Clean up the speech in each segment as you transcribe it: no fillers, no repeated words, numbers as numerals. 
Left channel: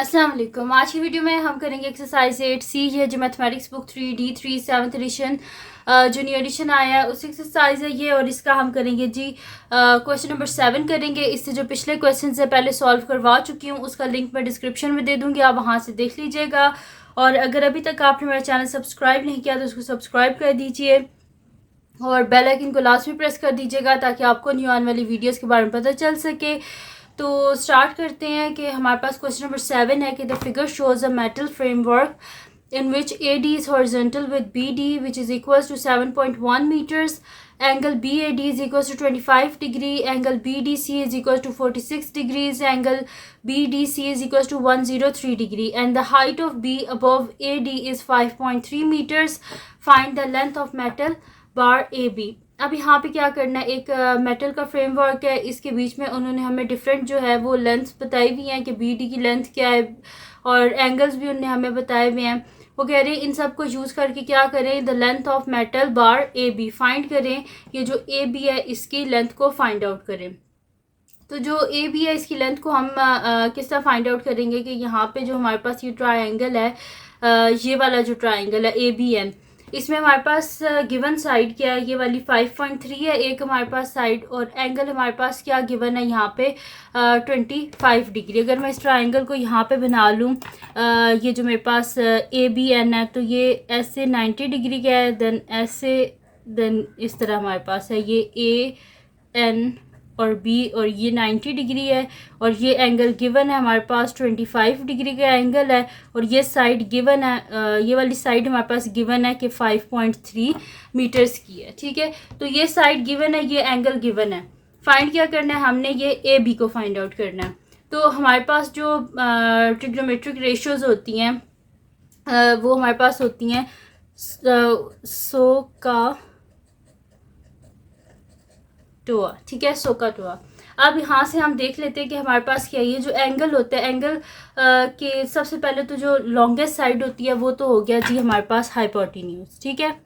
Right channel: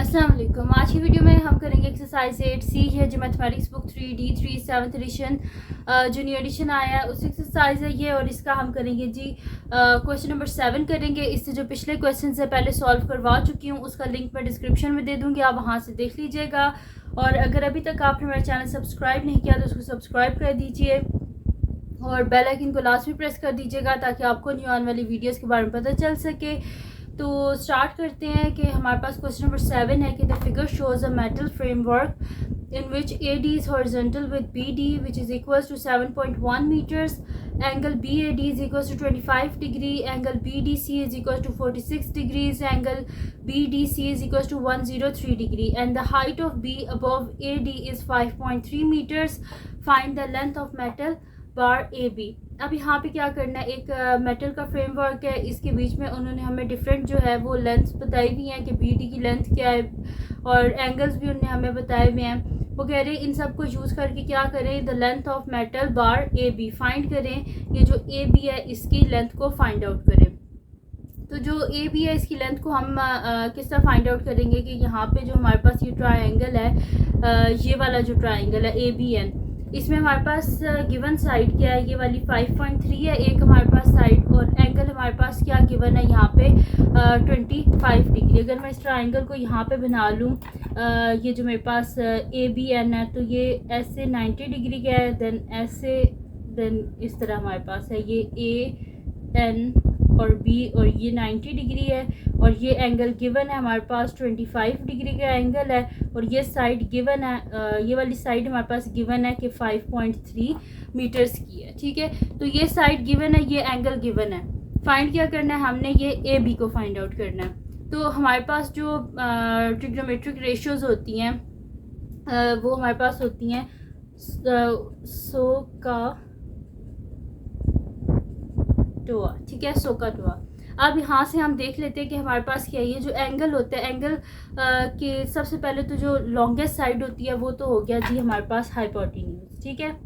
अस्सलाम वालेकुम। आज की वीडियो में हम करेंगे एक्सरसाइज 8C। ये जो mathematics book 3D3 7th edition जो न्यू एडिशन आया है उस एक्सरसाइज है ये, और इसका हम करेंगे जी क्वेश्चन नंबर 7 करेंगे। इससे जो पिछले क्वेश्चन से पहले सॉल्व करवा चुकी हूँ उसका लिंक मैं डिस्क्रिप्शन में दे दूँगी, आप वहाँ से देख लीजिएगा। और अगर अभी तक आपने मेरा चैनल सब्सक्राइब नहीं किया तो उसको सब्सक्राइब कर दीजिए और बेल आइकन को लास्ट में प्रेस कर दीजिएगा ताकि आपको न्यू आने वाली वीडियोस के बारे में पता चल सके। तो स्टार्ट करते हैं कि हमारे पास क्वेश्चन नंबर 7 है कि the figure shows a metal framework in which AD is horizontal with BD which is equals to 7.1 meters. Angle BAD is equals to 25 degree. Angle BDC is equals to 46 degrees. Angle BDC is equals to 103 degree. And the height of B above AD is 5.3 meters. Find the length of metal bar AB. अब यहाँ पे क्या करना है, एक metal का framework है, इसके बीच में उन्होंने हमें डिफरेंट जो है वो लेंथ बताई हुई हैं कि BD की लेंथ क्या है और एंगल्स भी उन्होंने हमें बताए हुए हैं। वो कह रहे हैं इन सब को यूज़ करके क्या करें, the length of metal bar AB find करें। ये जो AB है इसकी लेंथ को फाइंड आउट करें। तो जो AB है इसकी लेंथ को हम किस तरह फाइंड आउट करेंगे कि यहाँ पे जो हमारे पास ये ट्रायंगल है, ये वाला जो ट्रायंगल है ABN, इसमें हमारे पास गिवन साइड क्या है, ये वाली 5.3 है एक हमारे पास साइड, और एंगल हमारे पास क्या गिवन है यहाँ पे 25 डिग्री। अगर मैं इस ट्रायंगल को यहाँ पे बना लूँ, ये जो मेरे पास ABN है तो ये ऐसे 90 डिग्री का है, देन इस तरह हमारे पास है ये AN और B और ये 90 डिग्री है, और ये एंगल गिवन है हमारे पास 25 डिग्री का एंगल है, और ये साइड गिवन है, ये वाली साइड हमारे पास गिवन है कि 5.3 मीटर्स की है। ठीक है, तो ये साइड गिवन है, ये एंगल गिवन है। फाइंड क्या करना है हमने, ये AB को फाइंड आउट करना है। तो हमारे पास जो ट्रिग्नोमेट्रिक रेशियोज़ होती हैं वो हमारे पास होती हैं SOHCAHTOA। ठीक है, SOHCAHTOA। अब यहाँ से हम देख लेते हैं कि हमारे पास क्या है, ये जो एंगल होता है, एंगल के सबसे पहले तो जो लॉन्गेस्ट साइड होती है वो तो हो गया जी हमारे पास हाइपोटेन्यूज। ठीक है,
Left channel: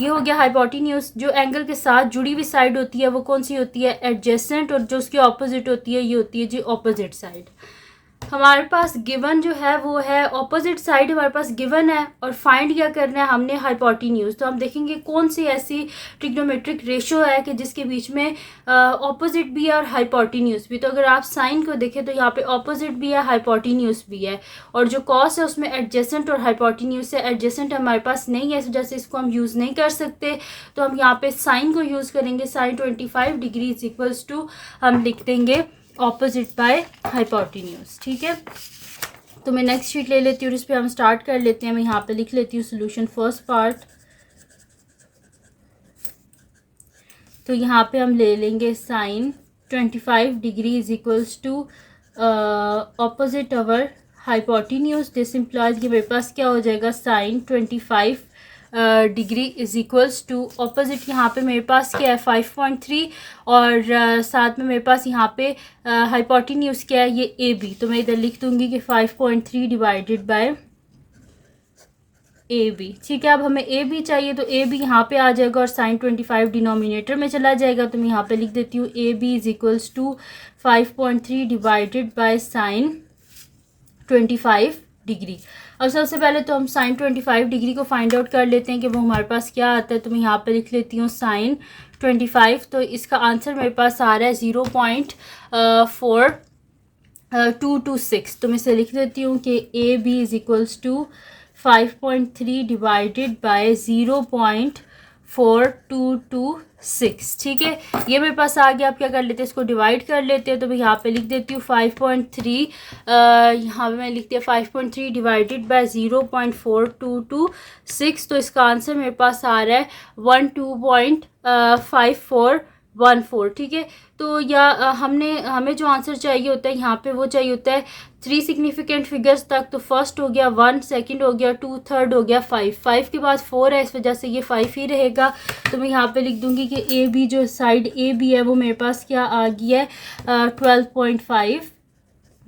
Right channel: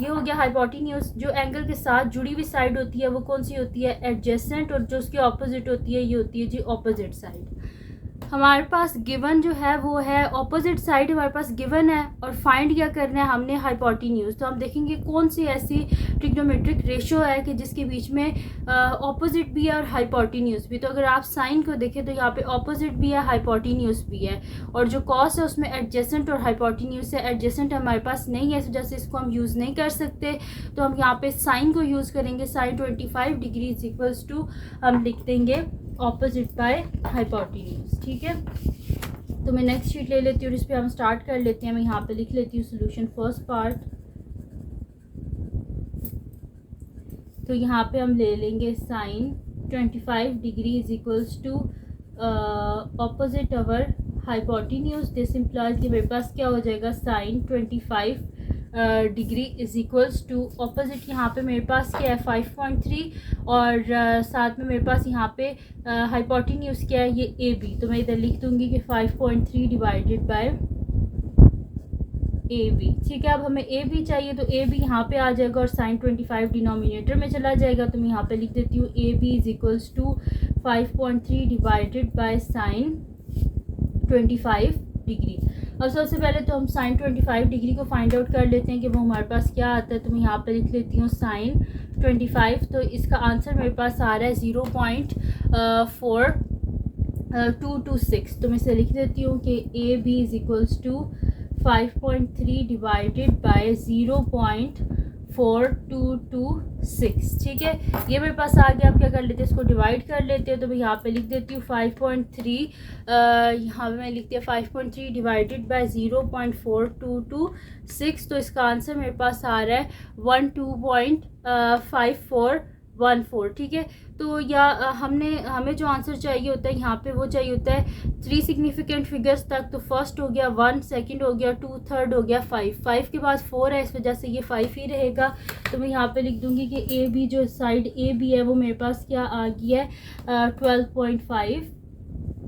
ये हो गया हाइपोटेन्यूज। जो एंगल के साथ जुड़ी हुई साइड होती है वो कौन सी होती है, एडजेसेंट, और जो उसकी ऑपोजिट होती है ये होती है जी ऑपोजिट साइड। हमारे पास गिवन जो है वो है ऑपोजिट साइड हमारे पास गिवन है, और फाइंड क्या करना है हमने, हाइपोटेन्यूज। तो हम देखेंगे कौन सी ऐसी ट्रिग्नोमेट्रिक रेशियो है कि जिसके बीच में ऑपोजिट भी है और हाइपोटेन्यूज भी। तो अगर आप साइन को देखें तो यहाँ पे ऑपोजिट भी है, हाइपोटेन्यूज भी है, और जो कॉस है उसमें एडजेसेंट और हाइपोटेन्यूज है। एडजेसेंट हमारे पास नहीं है, इस वजह से इसको हम यूज़ नहीं कर सकते, तो हम यहाँ पे साइन को यूज़ करेंगे। Sine 25 degree is equals to हम लिख देंगे ऑपोजिट बाय हाइपोटेन्यूज। ठीक है, तो मैं नेक्स्ट शीट ले लेती हूँ और इस पर हम स्टार्ट कर लेते हैं। मैं यहाँ पे लिख लेती हूँ सोल्यूशन फर्स्ट पार्ट। तो यहाँ पे हम ले लेंगे sine 25 degree is equals to opposite our hypotenuse. This implies कि मेरे पास क्या हो जाएगा, sine 25 degree is equals to opposite, यहाँ पे मेरे पास क्या है 5.3, और साथ में मेरे पास यहाँ पे हाइपोटेन्यूज क्या है, ये AB। तो मैं इधर लिख दूँगी कि 5.3 डिवाइडेड बाय AB। ठीक है, अब हमें AB चाहिए तो AB यहाँ पे आ जाएगा और साइन 25 डिनोमिनेटर में चला जाएगा। तो मैं यहाँ पे लिख देती हूँ AB is equals to 5.3 divided by sine 25 degree. और सबसे पहले तो हम साइन 25 डिग्री को फाइंड आउट कर लेते हैं कि वो हमारे पास क्या आता है। तो मैं यहाँ पे लिख लेती हूँ साइन 25, तो इसका आंसर मेरे पास आ रहा है 0.4226। तो मैं इसे लिख देती हूँ कि AB is equals to 5.3 divided by 0.4226। ठीक है, ये मेरे पास आ गया। आप क्या कर लेते हैं, इसको डिवाइड कर लेते हैं। तो मैं यहाँ पे लिख देती हूँ 5.3, यहाँ पे मैं लिखती हूँ 5.3 डिवाइडेड बाय 0.4226। तो इसका आंसर मेरे पास आ रहा है 12.5414। ठीक है, तो या हमें जो आंसर चाहिए होता है यहाँ पे वो चाहिए होता है 3 सिग्निफिकेंट फिगर्स तक। तो फर्स्ट हो गया 1, सेकंड हो गया 2, थर्ड हो गया 5 के बाद 4 है, इस वजह से ये 5 ही रहेगा। तो मैं यहाँ पे लिख दूँगी कि AB जो साइड AB है वो मेरे पास क्या आ गई है 12.5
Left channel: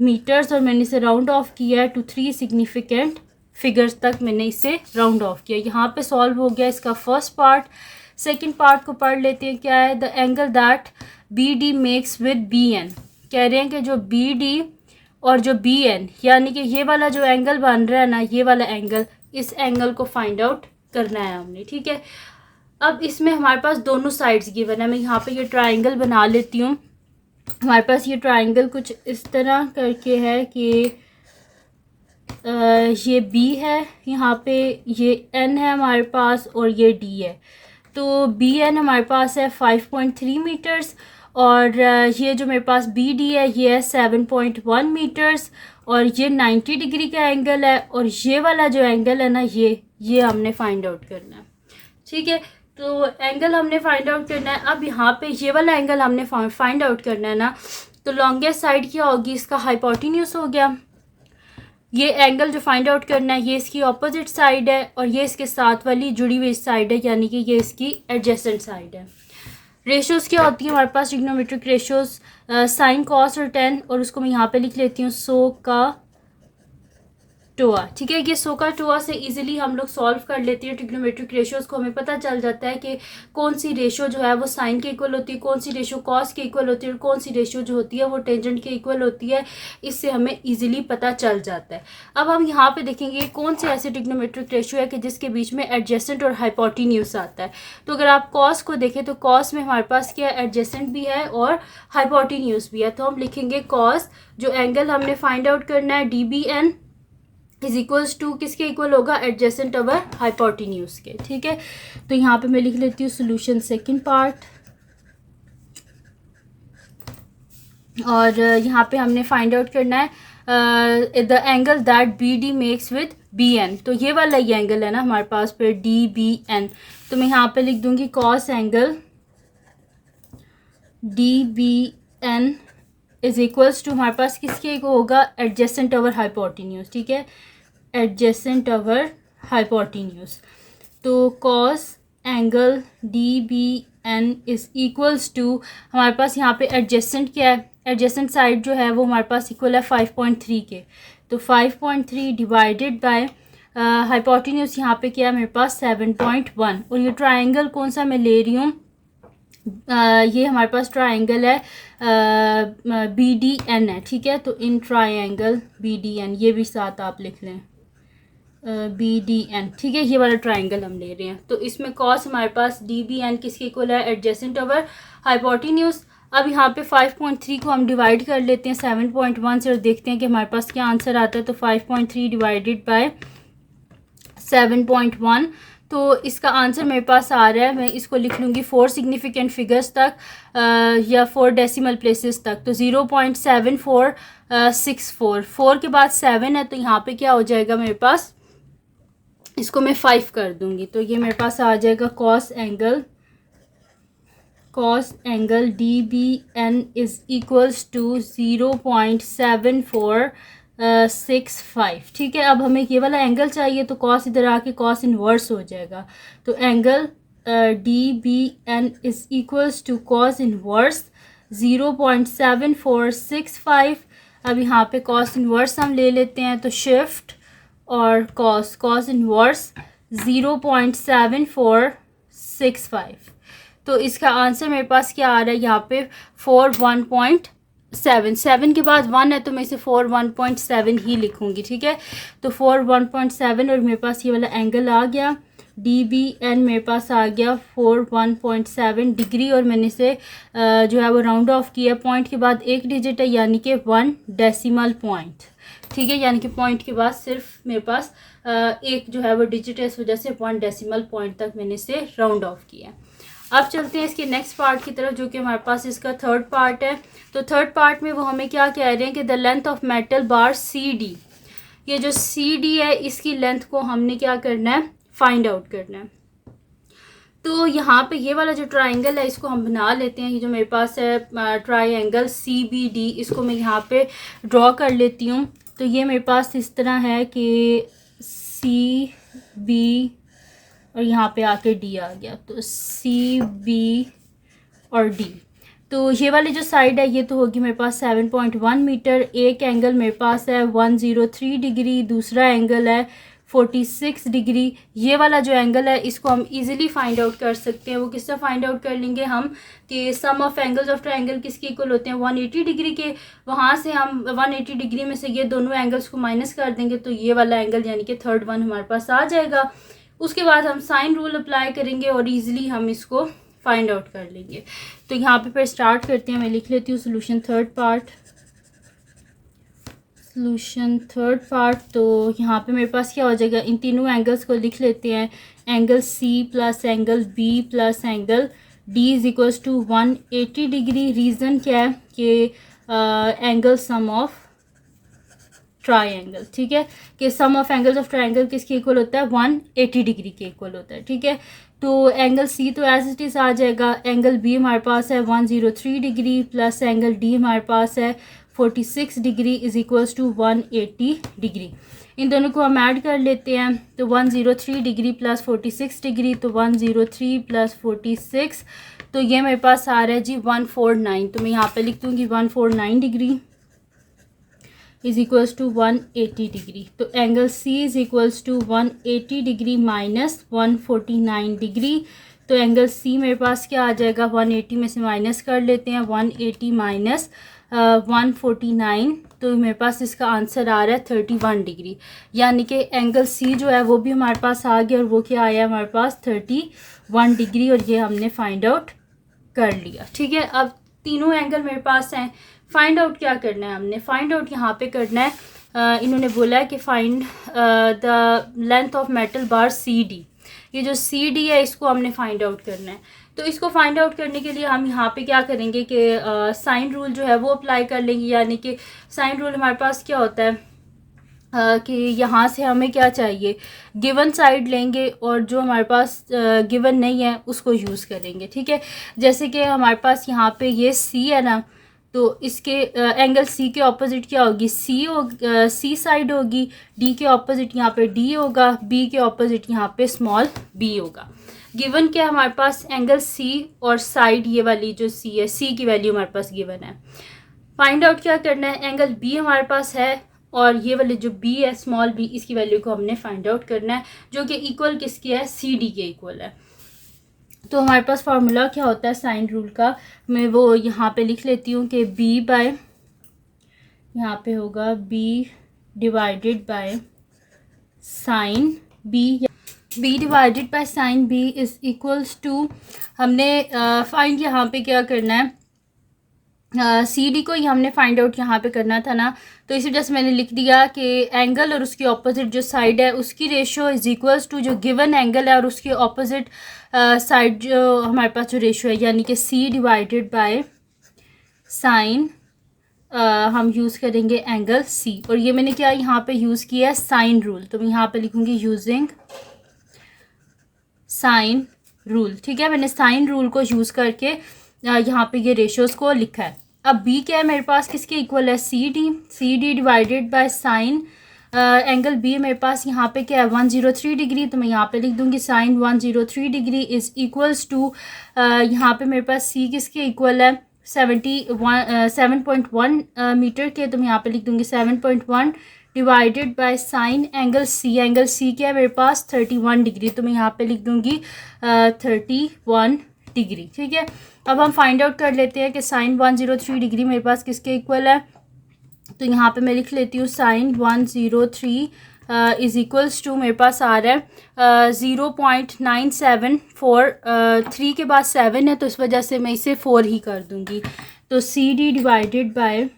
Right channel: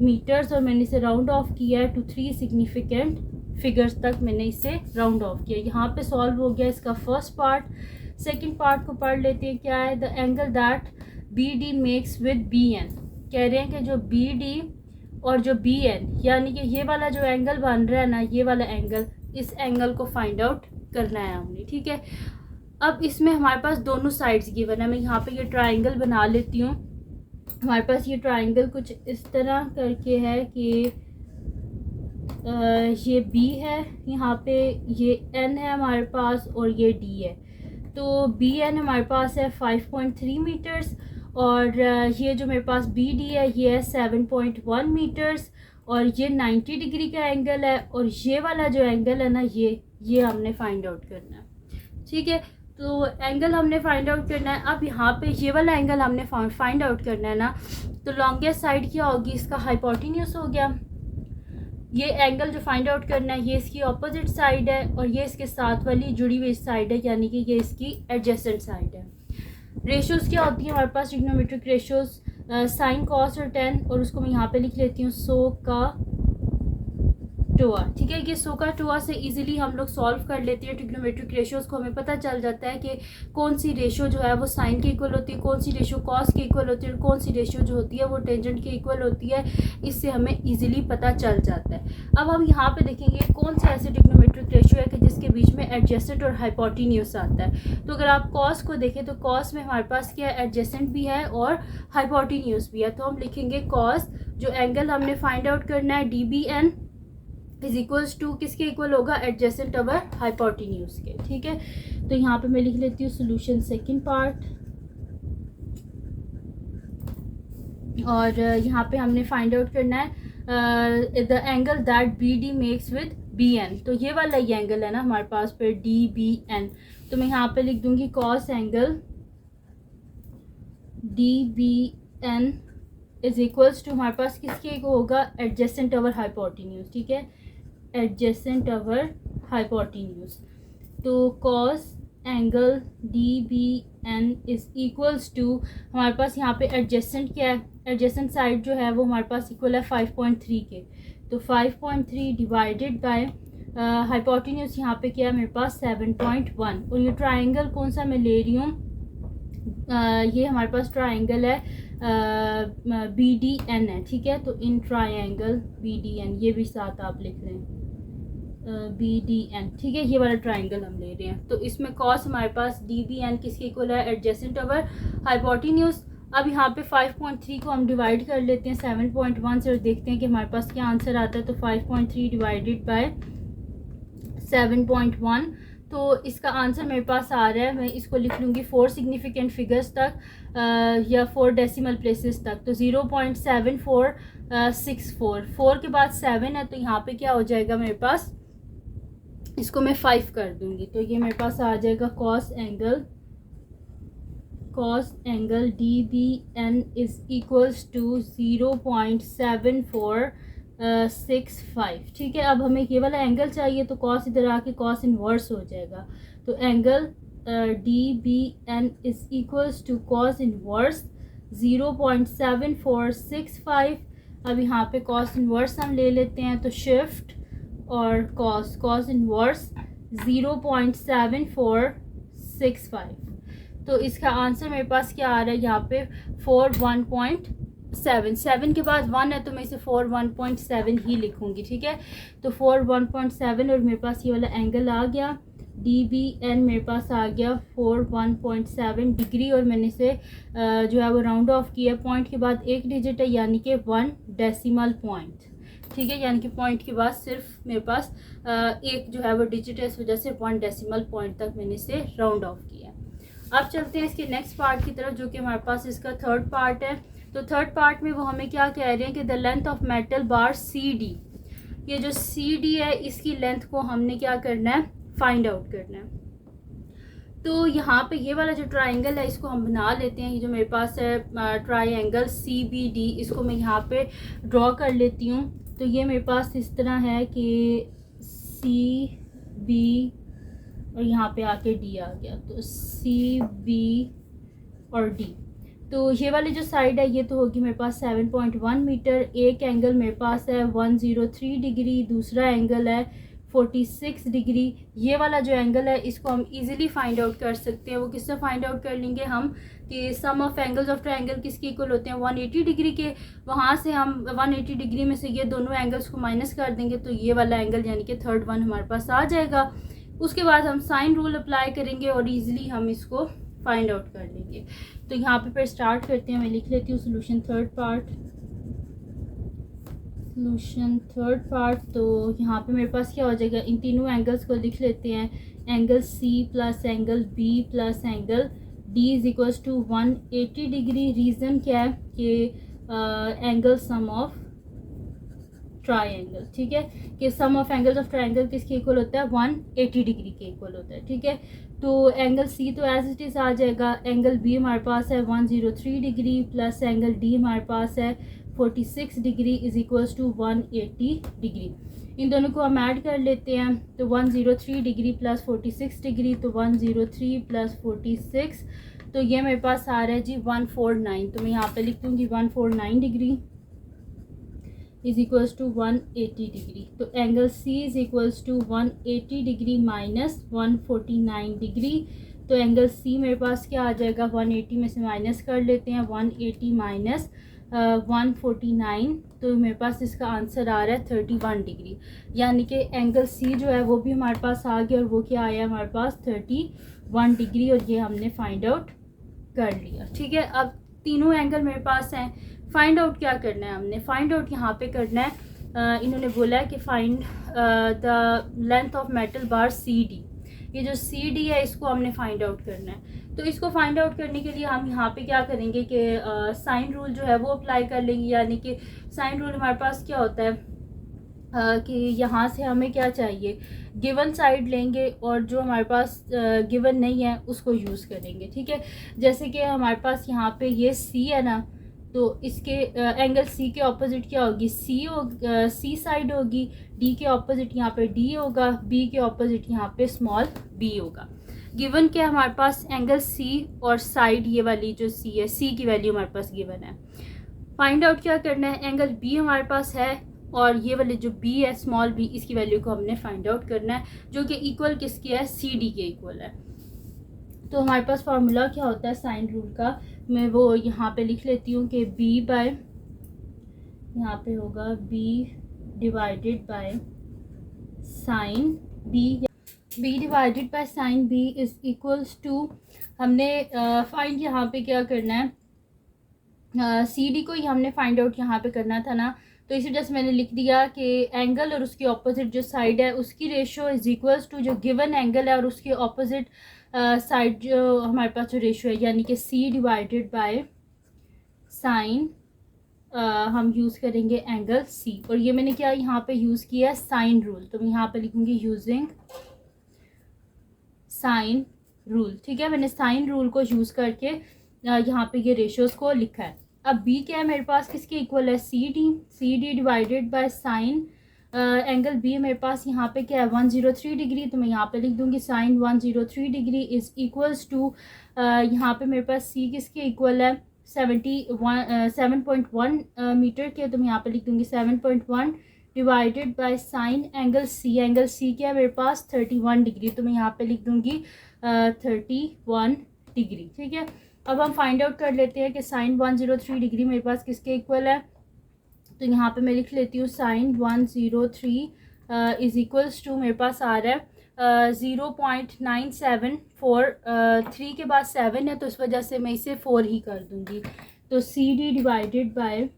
मीटर्स, और मैंने इसे राउंड ऑफ किया है टू 3 सिग्निफिकेंट फिगर्स तक मैंने इसे राउंड ऑफ किया। यहाँ पे सॉल्व हो गया इसका फर्स्ट पार्ट। सेकंड पार्ट को पढ़ लेते हैं, क्या है, the angle that BD makes with BN। कह रहे हैं कि जो BD और जो बी एन यानी कि ये वाला जो एंगल बन रहा है ना, ये वाला एंगल, इस एंगल को फाइंड आउट करना है हमने, ठीक है। अब इसमें हमारे पास दोनों साइड्स गिवन है। मैं यहाँ पे ये ट्राइंगल बना लेती हूँ। हमारे पास ये ट्राइंगल कुछ इस तरह करके है कि ये बी है, यहाँ पे ये एन है हमारे पास और ये डी है। तो बी एन हमारे पास है 5.3 मीटर्स और ये जो मेरे पास बी डी है ये है 7.1 मीटर्स और ये 90 डिग्री का एंगल है और ये वाला जो एंगल है ना, ये हमने फाइंड आउट करना है, ठीक है। तो एंगल हमने फाइंड आउट करना है। अब यहाँ पे ये वाला एंगल हमने फाइंड आउट करना है ना, तो लॉन्गेस्ट साइड क्या होगी, इसका हाइपोटेन्यूज हो गया। ये एंगल जो फाइंड आउट करना है ये इसकी अपोजिट साइड है और ये इसके साथ वाली जुड़ी हुई साइड है, यानी कि ये इसकी एडजेसेंट साइड है। रेशियोज़ क्या होती है हमारे पास, ट्रिग्नोमेट्रिक रेशियोज़ साइन कॉस और टेन, और उसको मैं यहाँ पे लिख लेती हूँ सो का टोआ, ठीक है। ये सो का टोआ से इजीली हम लोग सॉल्व कर लेते हैं ट्रिग्नोमेट्रिक रेशियोज़ को। हमें पता चल जाता है कि कौन सी रेशियो जो है वो साइन के इक्वल होती है, कौन सी रेशियो कॉस के इक्वल होती है और कौन सी रेशियो जो होती है वो टेंजेंट के इक्वल होती है। इससे हमें इजीली पता चल जाता है। अब हम यहाँ पे देखेंगे कौन से ऐसे ट्रिग्नोमेट्रिक रेशियो है कि जिसके बीच में एडजेसेंट और हाइपोटेन्यूज आता है। तो अगर आप कॉस को देखें तो कॉस में हमारे पास क्या है, एडजेसेंट भी है और हाइपोटेन्यूज भी है। तो हम लिखेंगे कॉस, जो एंगल हमने फाइंड आउट करना है D B N is equals to किसके इक्वल होगा, एडजेसेंट ओवर हाइपोटेन्यूज के, ठीक है। तो यहाँ पे मैं लिख लेती हूँ सोल्यूशन सेकंड पार्ट और यहाँ पे हमने फाइंड आउट करना है the angle that B D makes with B N. तो ये वाला ये एंगल है ना हमारे पास पे डी बी एन, तो मैं यहाँ पे लिख दूंगी cos angle D B N is equals to हमारे पास किसके होगा, एडजेसेंट ओवर हाइपोटेन्यूज, ठीक है, एडजेसेंट ओवर हाइपोटेन्यूज। तो cos angle D B N is equals to हमारे पास यहाँ पे एडजेसेंट क्या है, एडजेसेंट साइड जो है वो हमारे पास इक्वल है 5.3 के। तो 5.3 डिवाइडेड बाय हाइपोटेन्यूज यहाँ पे क्या है मेरे पास 7.1 और ये ट्राइंगल कौन सा मैं ले रही हूँ, ये हमारे पास ट्राइंगल है बी डी एन है, ठीक है। तो इन ट्राइंगल बी डी एन, ये भी साथ आप लिख लें बी डी एन, ठीक है। ये वाला ट्राइंगल हम ले रहे हैं। तो इसमें कॉस हमारे पास डी बी एन किसके इक्वल है, एडजेसेंट ओवर हाइपोटेन्यूज। अब यहाँ पे 5.3 को हम डिवाइड कर लेते हैं 7.1 से और देखते हैं कि हमारे पास क्या आंसर आता है। तो 5.3 डिवाइडेड बाय 7.1, तो इसका आंसर मेरे पास आ रहा है, मैं इसको लिख लूँगी 4 सिग्निफिकेंट फिगर्स तक या 4 डेसिमल प्लेसेस तक। तो 0.7464, 4 के बाद 7 है तो यहाँ पे क्या हो जाएगा मेरे पास, इसको मैं 5 कर दूँगी। तो ये मेरे पास आ जाएगा cos angle D B N is equals to 0.7465, ठीक है। अब हमें ये वाला एंगल चाहिए तो कॉस इधर आके कॉस इनवर्स हो जाएगा। तो angle D B N is equals to cos inverse 0.7465। अब यहाँ पे कॉस इनवर्स हम ले लेते हैं, तो शिफ्ट और कॉस इनवर्स 0.7465। तो इसका आंसर मेरे पास क्या आ रहा है यहाँ पे 4 के बाद 1 है तो मैं इसे 1.7 ही लिखूँगी, ठीक है। तो 1.7 और मेरे पास ये वाला एंगल आ गया डी बी एन, मेरे पास आ गया 1.7 डिग्री और मैंने इसे जो है वो राउंड ऑफ किया। पॉइंट के बाद एक डिजिट है यानी कि 1 डेसिमल पॉइंट, ठीक है। यानी कि पॉइंट के बाद सिर्फ मेरे पास एक जो है वो डिजिट है, इस वजह से 1 डेसिमल पॉइंट तक मैंने इसे राउंड ऑफ किया। अब चलते हैं इसके नेक्स्ट पार्ट की तरफ जो कि हमारे पास इसका थर्ड पार्ट है। तो थर्ड पार्ट में वो हमें क्या कह रहे हैं कि the length of metal bar C D, ये जो सी डी है इसकी लेंथ को हमने क्या करना है, फाइंड आउट करना है। तो यहाँ पे ये वाला जो ट्राइंगल है इसको हम बना लेते हैं। ये जो मेरे पास है ट्राइंगल सी बी डी, इसको मैं यहाँ पे ड्रॉ कर लेती हूँ। तो ये मेरे पास इस तरह है कि सी बी और यहाँ पे आके डी आ गया, तो सी बी और डी। तो ये वाली जो साइड है ये तो होगी मेरे पास 7.1 मीटर। एक एंगल मेरे पास है 103 डिग्री, दूसरा एंगल है 46 डिग्री। ये वाला जो एंगल है इसको हम इजीली फाइंड आउट कर सकते हैं। वो किससे फाइंड आउट कर लेंगे हम कि सम ऑफ एंगल्स ऑफ ट्रायंगल किसके इक्वल होते हैं 180 डिग्री के। वहाँ से हम 180 डिग्री में से ये दोनों एंगल्स को माइनस कर देंगे तो ये वाला एंगल यानी कि थर्ड वन हमारे पास आ जाएगा। उसके बाद हम साइन रूल अप्लाई करेंगे और ईजिली हम इसको फाइंड आउट कर लेंगे। तो यहाँ पे फिर स्टार्ट करते हैं। मैं लिख लेती हूँ सोल्यूशन थर्ड पार्ट। तो यहाँ पे मेरे पास क्या हो जाएगा, इन तीनों एंगल्स को लिख लेते हैं। Angle C plus angle B plus angle D is equals to 180 degree. Reason क्या है कि एंगल सम ऑफ ट्रायंगल, ठीक है, कि सम ऑफ एंगल्स ऑफ ट्रायंगल किसके इक्वल होता है 180 डिग्री के इक्वल होता है, ठीक है। तो एंगल C तो एज इट इज़ आ जाएगा। एंगल B हमारे पास है 103 डिग्री प्लस एंगल D हमारे पास है 46 degree is equals to 180 degree. इन दोनों को हम ऐड कर लेते हैं। तो 103 डिग्री प्लस 46 डिग्री, तो 103 प्लस 46, तो ये मेरे पास आ रहा है जी 149। तो मैं यहाँ पे लिख दूँगी 149 degree is equals to 180 degree. तो angle C is equals to 180 degree minus 149 degree. तो एंगल C मेरे पास क्या आ जाएगा, 180 में से माइनस कर लेते हैं, 180 माइनस 149, तो मेरे पास इसका आंसर आ रहा है 31 डिग्री। यानी कि एंगल C जो है वो भी हमारे पास आ गया और वो क्या आया हमारे पास 31 डिग्री, और ये हमने फाइंड आउट कर लिया, ठीक है। अब तीनों एंगल मेरे पास हैं। फाइंड आउट क्या करना है हमने, फाइंड आउट यहाँ पे करना है। इन्होंने बोला है कि find the length of metal bar CD। ये जो CD है इसको हमने फाइंड आउट करना है। तो इसको फाइंड आउट करने के लिए हम यहाँ पे क्या करेंगे कि साइन रूल जो है वो अप्लाई कर लेंगे। यानी कि साइन रूल हमारे पास क्या होता है कि यहाँ से हमें क्या चाहिए, गिवन साइड लेंगे और जो हमारे पास गिवन नहीं है उसको यूज़ करेंगे, ठीक है। जैसे कि हमारे पास यहाँ पे ये C है ना, तो इसके एंगल C के ऑपोजिट क्या होगी, C साइड होगी। D के ऑपोजिट यहाँ पे D होगा, B के ऑपोजिट यहाँ पे स्मॉल b होगा। गिवन क्या हमारे पास एंगल C और साइड ये वाली जो C है, C की वैल्यू हमारे पास गिवन है। फाइंड आउट क्या करना है, एंगल B हमारे पास है और ये वाले जो B है स्मॉल b, इसकी वैल्यू को हमने फाइंड आउट करना है, जो कि इक्वल किसकी है, CD के इक्वल है। तो हमारे पास फार्मूला क्या होता है साइन रूल का, मैं वो यहाँ पे लिख लेती हूँ कि B बाय, यहाँ पे होगा B divided by sine B divided by sine B is equals to, हमने फाइंड यहाँ पे क्या करना है, CD को ही हमने फाइंड आउट यहाँ पे करना था ना, तो इसी वजह से मैंने लिख दिया कि एंगल और उसकी ऑपोजिट जो साइड है उसकी रेशो इज इक्वल्स टू जो गिवन एंगल है और उसके ऑपोजिट साइड जो हमारे पास जो रेशो है, यानी कि C डिवाइडेड बाय साइन, हम यूज़ करेंगे एंगल C। और ये मैंने क्या यहाँ पे यूज़ किया है साइन रूल, तो मैं यहाँ पे लिखूँगी यूजिंग साइन रूल, ठीक है। मैंने साइन रूल को यूज़ करके यहाँ पे ये रेशोज़ को लिखा है। अब B क्या है मेरे पास, किसके इक्वल है, CD divided by sign angle B मेरे पास यहाँ पे क्या है 103 डिग्री, तो मैं यहाँ पे लिख दूँगी sine 103 degree is equals to, यहाँ पे मेरे पास C किसके इक्वल है 7.1 मीटर के, तो मैं यहाँ पे लिख दूँगी 7.1 divided by sign angle C। Angle C क्या है मेरे पास 31 डिग्री, तो मैं यहाँ पे लिख दूँगी 31 डिग्री, ठीक है। अब हम फाइंड आउट कर लेते हैं कि साइन 103 डिग्री मेरे पास किसके इक्वल है, तो यहाँ पे मैं लिख लेती हूँ साइन 103 इज़ इक्वल्स टू, मेरे पास आ रहा है 0.974, 3 के बाद 7 है तो इस वजह से मैं इसे 4 ही कर दूँगी। तो CD divided by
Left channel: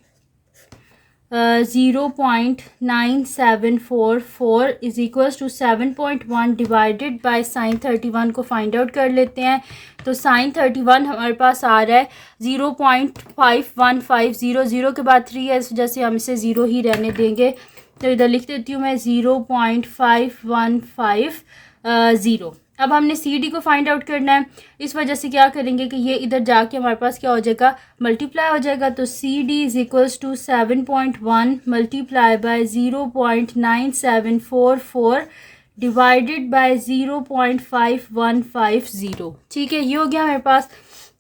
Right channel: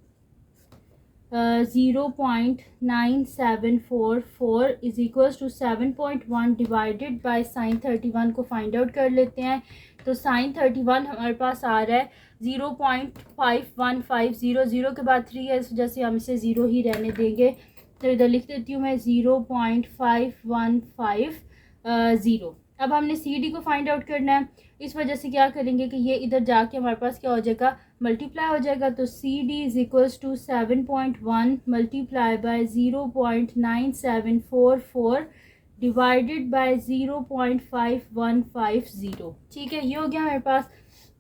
0.9744 is equals to 7.1 divided by sine 31 को फाइंड आउट कर लेते हैं। तो साइन 31 हमारे पास आ रहा है 0.5150, 0 के बाद 3 है इस वजह से हम इसे 0 ही रहने देंगे, तो इधर लिख देती हूँ मैं 0.5150। अब हमने CD को फाइंड आउट करना है, इस वजह से क्या करेंगे कि ये इधर जाके हमारे पास क्या हो जाएगा, मल्टीप्लाई हो जाएगा। तो CD is equals to 7.1 multiply by 0.9744 divided by 0.5150, ठीक है। ये हो गया मेरे पास।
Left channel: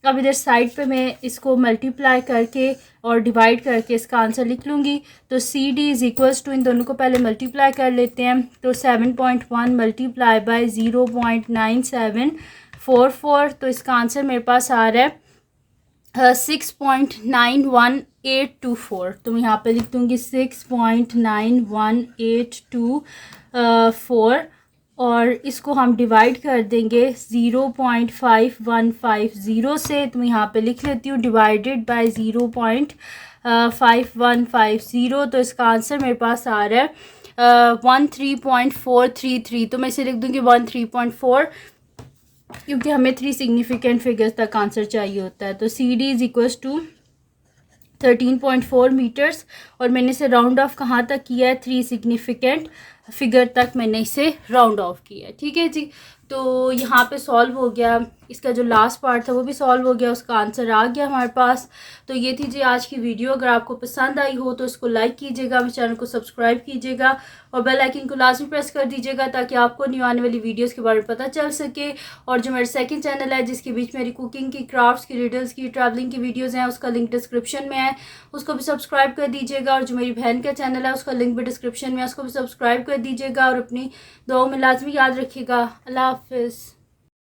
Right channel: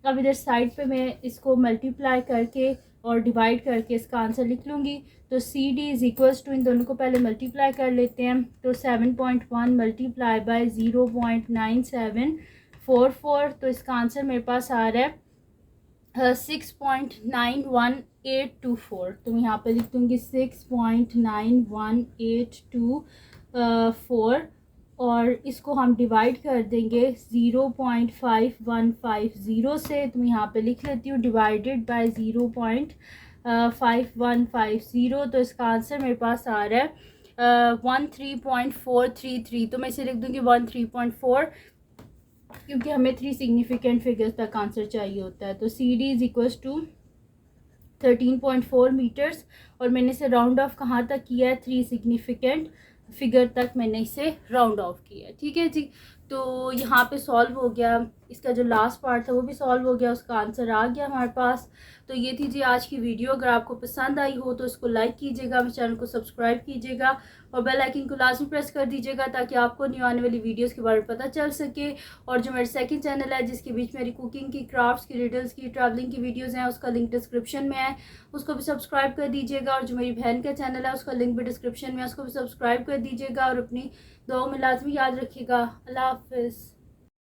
अब इधर साइड पे मैं इसको मल्टीप्लाई करके और डिवाइड करके इसका आंसर लिख लूँगी। तो C D is equals to, इन दोनों को पहले मल्टीप्लाई कर लेते हैं। तो 7.1 मल्टीप्लाई बाई 0.9744, तो इसका आंसर मेरे पास आ रहा है 6.91824। तो मैं यहाँ पे लिख दूँगी 6.91824 और इसको हम डिवाइड कर देंगे 0.5150 से। तो मैं यहाँ पे लिख लेती हूँ डिवाइडेड बाय 0.5150। तो इसका आंसर मेरे पास आ रहा है 13.433। तो मैं इसे लिख दूँगी 13.4, क्योंकि हमें 3 सिग्निफिकेंट फिगर्स तक आंसर चाहिए होता है। तो C D is equals to 13.4 metres, और मैंने इसे राउंड ऑफ कहाँ तक किया है, 3 सिग्निफिकेंट फिगर तक मैंने इसे राउंड ऑफ किया है। ठीक है जी, तो यहाँ पे सॉल्व हो गया। इसका जो लास्ट पार्ट था वो भी सॉल्व हो गया, उसका आंसर आ गया हमारे पास। तो ये थी जी आज की वीडियो। अगर आपको पसंद आई हो तो इसको लाइक कीजिएगा, मेरे चैनल को सब्सक्राइब कीजिएगा और बेल आइकन को लाजमी प्रेस कर दीजिएगा ताकि आपको न्यू आने वाली वीडियोस के बारे में पता चल सके। और जो मेरा सेकंड चैनल है जिसके बीच मेरी कुकिंग की, क्राफ्ट्स की, रिडल्स की, ट्रैवलिंग की वीडियोज़ हैं, उसका लिंक डिस्क्रिप्शन में है, उसको भी सब्सक्राइब कर दीजिएगा। और जो मेरी बहन का चैनल है उसका लिंक भी डिस्क्रिप्शन में है, उसको भी सब्सक्राइब कर दीजिएगा। और अपनी दुआओं में लाजमी याद रखिएगा। अल्लाह हाफिज़।